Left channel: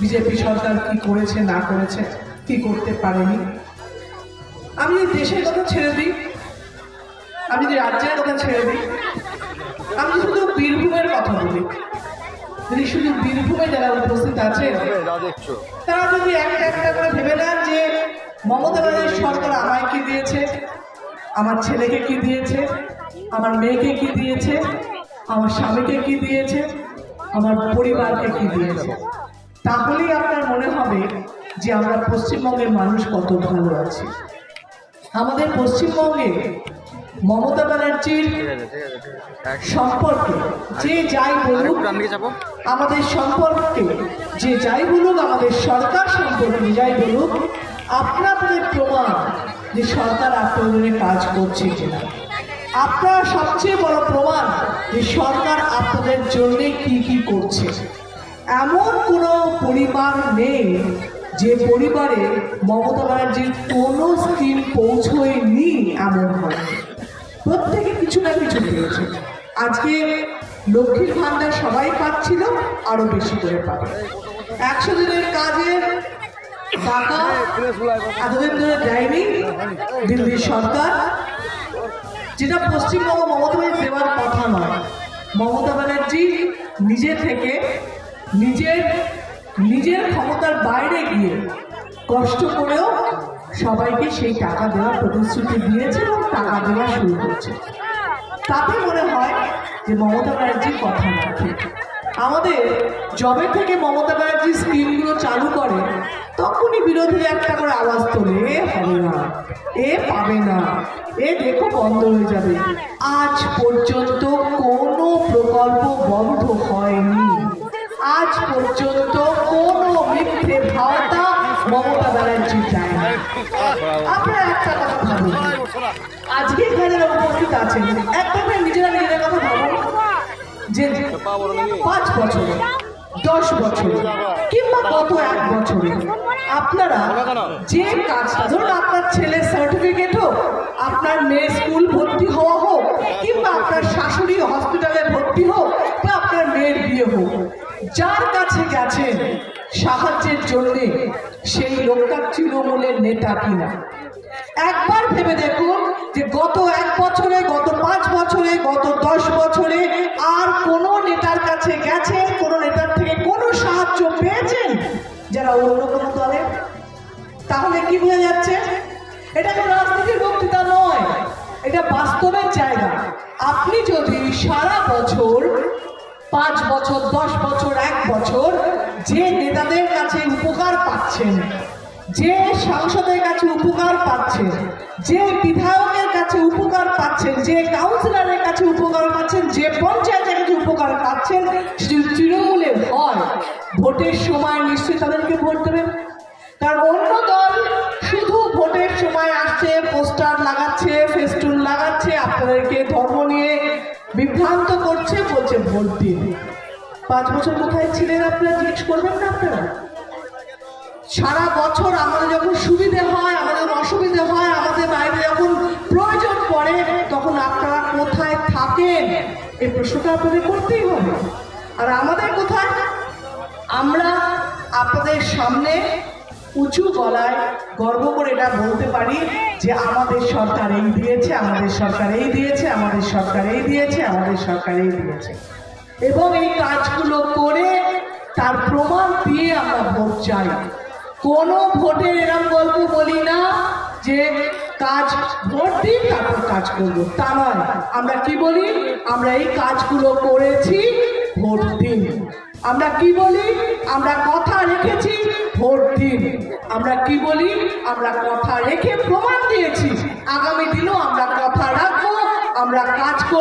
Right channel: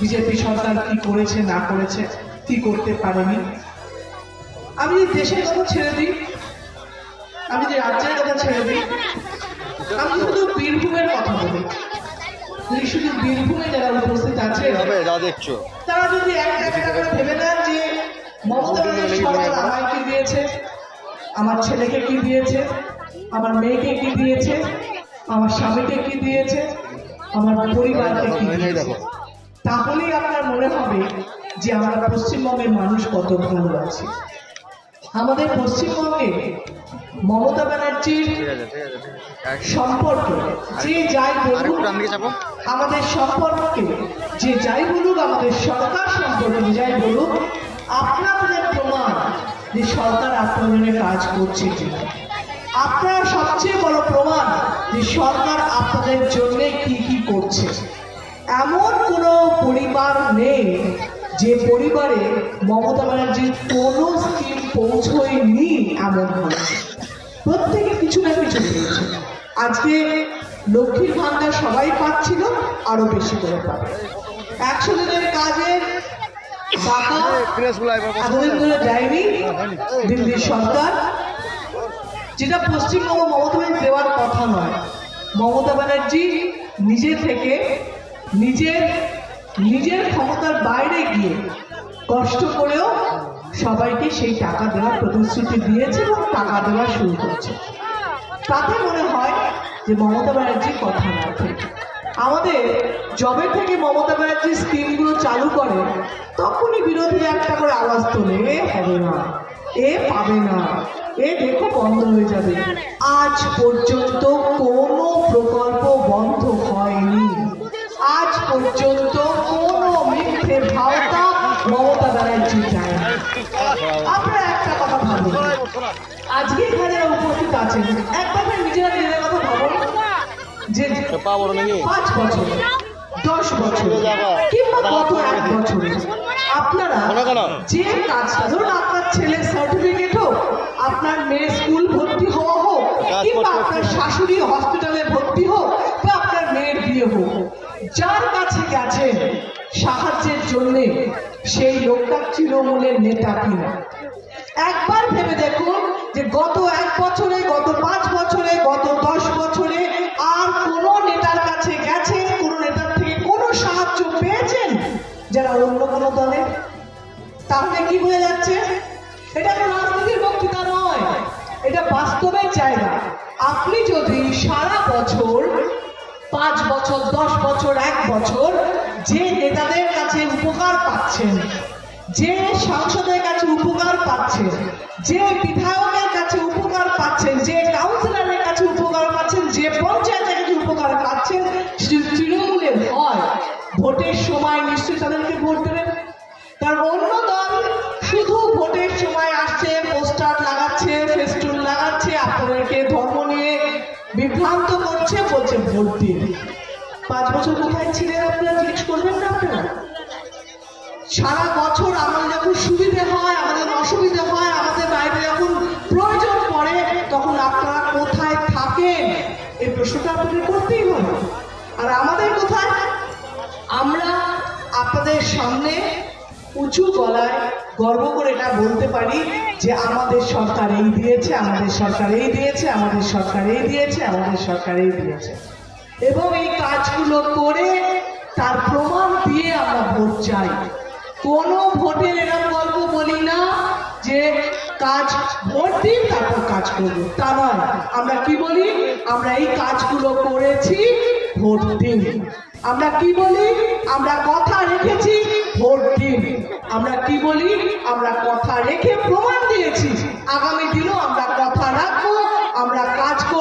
BJP সরকার কি করেছে না করেছে, কি করতে পারেনি। আমি দেশের কথা ছেড়ে দিই, আমি যে রাজ্যের কথা ছেড়ে দিই, আমি শুধু বীরভূমের কথা বলি। শুধু বীরভূমে যারা উপস্থিত আছে তারা যদি একটা করে ভেবে নেন যে মমতা ব্যানার্জি সরকার আমায় কি দিয়েছে, আমার ছেলেকে কি দিয়েছে, আমার মেয়েকে কি দিয়েছে, আমার স্বামীকে কি দিয়েছে, আমার পরিবারকে কি দিয়েছে, তাহলেই আপনার মনে হবে যে আমরা পশ্চিমবঙ্গের মানুষ কত ভালো আছে। আমাদের পশ্চিমবঙ্গে মমতা ব্যানার্জির সম্পর্কে যে যাই বলুক, আমাদের সম্পর্কে যে যাই বলুক, আমাদের সরকার সম্পর্কে যাই বলুক, আপনাদের প্রমাণ যে সরকার আপনাদের কাজ করছে কিনা। আপনার সবচেয়ে বড় প্রমাণ যে সরকার আপনাদের জন্য কি কি করছে। এমন কোনো পরিবার নেই যে পরিবারে মমতা ব্যানার্জির কোনো স্কিম পৌঁছয়নি, এমন হচ্ছে প্রত্যেকে কিছু না কিছু পেয়েছে। আজকে লক্ষ্মীর ভান্ডার সবাই পাচ্ছিল, আরো বেশি করে পাবে। 100 দিনের কাজের এতদিন ধরে যায়নি দিল্লির সরকার, যেটা পশ্চিমবঙ্গ মমতা ব্যানার্জি দেওয়ার কথা নয়। মমতা ব্যানার্জি নিজে থেকে নিজের ক্ষমতার বাইরে গিয়ে কষ্ট করেও সবাইকে সেই টাকা দেওয়ার প্রতিশ্রুতি দিয়েছে এবং টাকা দেওয়া শুরু করছে। তাতে মনে হয় যে মমতা ব্যানার্জির কথা না ঠিক। আমাদের জবে থেকে মমতা ব্যানার্জি স্কিমগুলো চালু করে তখনই বিরোধীরা একটা করে আওয়াজ তোলে, এ হবে না, এ পাবে না, এ দেখো বন্ধ হয়ে যাবে। আজ পর্যন্ত কোনো প্রকল্প বন্ধ হয়নি, আজ পর্যন্ত কোনো মিথ্যে ভাওতা মমতা ব্যানার্জি চায় না। আপনারা একটা কথা ভাবুন, আজকে যারা উপস্থিত আছেন একবার নিজেরা নিজেদের কথা ভাবুন যে 5 বছরে, 10 বছরে কিংবা গত 1 বছরে আপনারা যে কাজ, ধরুন আপনার ছেলের সার্টিফিকেট হোক, আপনার মেয়ের স্কুল ভর্তি হওয়া হোক, কিংবা আপনার শাশুড়ি হসপিটালে ভর্তি হোক, বা আপনার মেয়ের বিয়ে হোক, যার কাছে গেছেন সাহায্যের জন্য সেই লোকটা তৃণমূলের নেতা কিনা। একবার ভেবে দেখুন যে গত 1 বছরে, গত 5 বছরে, গত 10 বছরে আর কোন নেতার কাছে গেছেন, কোন নেতার থেকে কোনো সাহায্য পেয়েছেন যারা অন্য কোনো দলের? তাহলে কি বোঝা যাচ্ছে? এটা কোনো রাজনীতির বক্তৃতা নয়, এটা বাস্তবের জায়গা। আপনি যদি সারা বছর, 5 বছর, 10 বছর, 1 বছর যে নেতাদের কাছে উপকার পাচ্ছেন, যে সাংসদের কাছে উপকার পাচ্ছেন, যে বিধায়কের কাছে উপকার পাচ্ছেন, যে কাউন্সিলরের কাছে উপকার পাচ্ছেন, যে পঞ্চায়েতের কাছে উপকার পাচ্ছেন, তৃণমূলের হয়, ভোটের সময় নিশ্চয়ই তাদেরকে ভোট দেবেন। কারণ অন্য দল শুধু ভোটের সময় আসছে, পোস্টার লাগাচ্ছে, ফেস্টুন লাগাচ্ছে, আপনাদেরকে ধর্ম নিয়ে বিভ্রান্ত করছে, বলছে ভোট দিন। 5 বছর কোথায় ছিলেন আপনারা জিজ্ঞেস করবেন না আপনারা? সারা বছর আমাদের যখন সুবিধে হয়, আমাদের অসুবিধে হয়, আমাদের বাইরে যখন প্রয়োজন পড়ে, তখন আপনারা কোথায় থাকেন এই প্রশ্নটা আপনাদের করতেই হবে। আর আমাদের কোথায়? আমরা আপনাদের সামনে উঁচু গলায় গর্ব করে এটা বলতে পারি যে আমাদের সরকার এই দিয়েছে, আমাদের সরকার এই দিয়েছে, আমাদের সরকার এই দিয়েছে, আমাদের সরকার এই দিয়েছে, এবং এই কাজগুলো করে তার প্রমাণ দিয়ে আমরা ভোট চাই। কোনো ভোটের এরকম গল্প বলি না যে কাজ ভোট দিন তারপর কাজ করবো, তা নয়। আমরা কি বলি? আমরা এই কাজগুলো করেছি, ভোট দিন। আমরা কি বলি? আমরা কথা রেখেছি, ভোট দিন। আমরা কি বলি? আমরা কথা রেখে প্রমাণ দিয়েছি, আগামী দিনও আমরা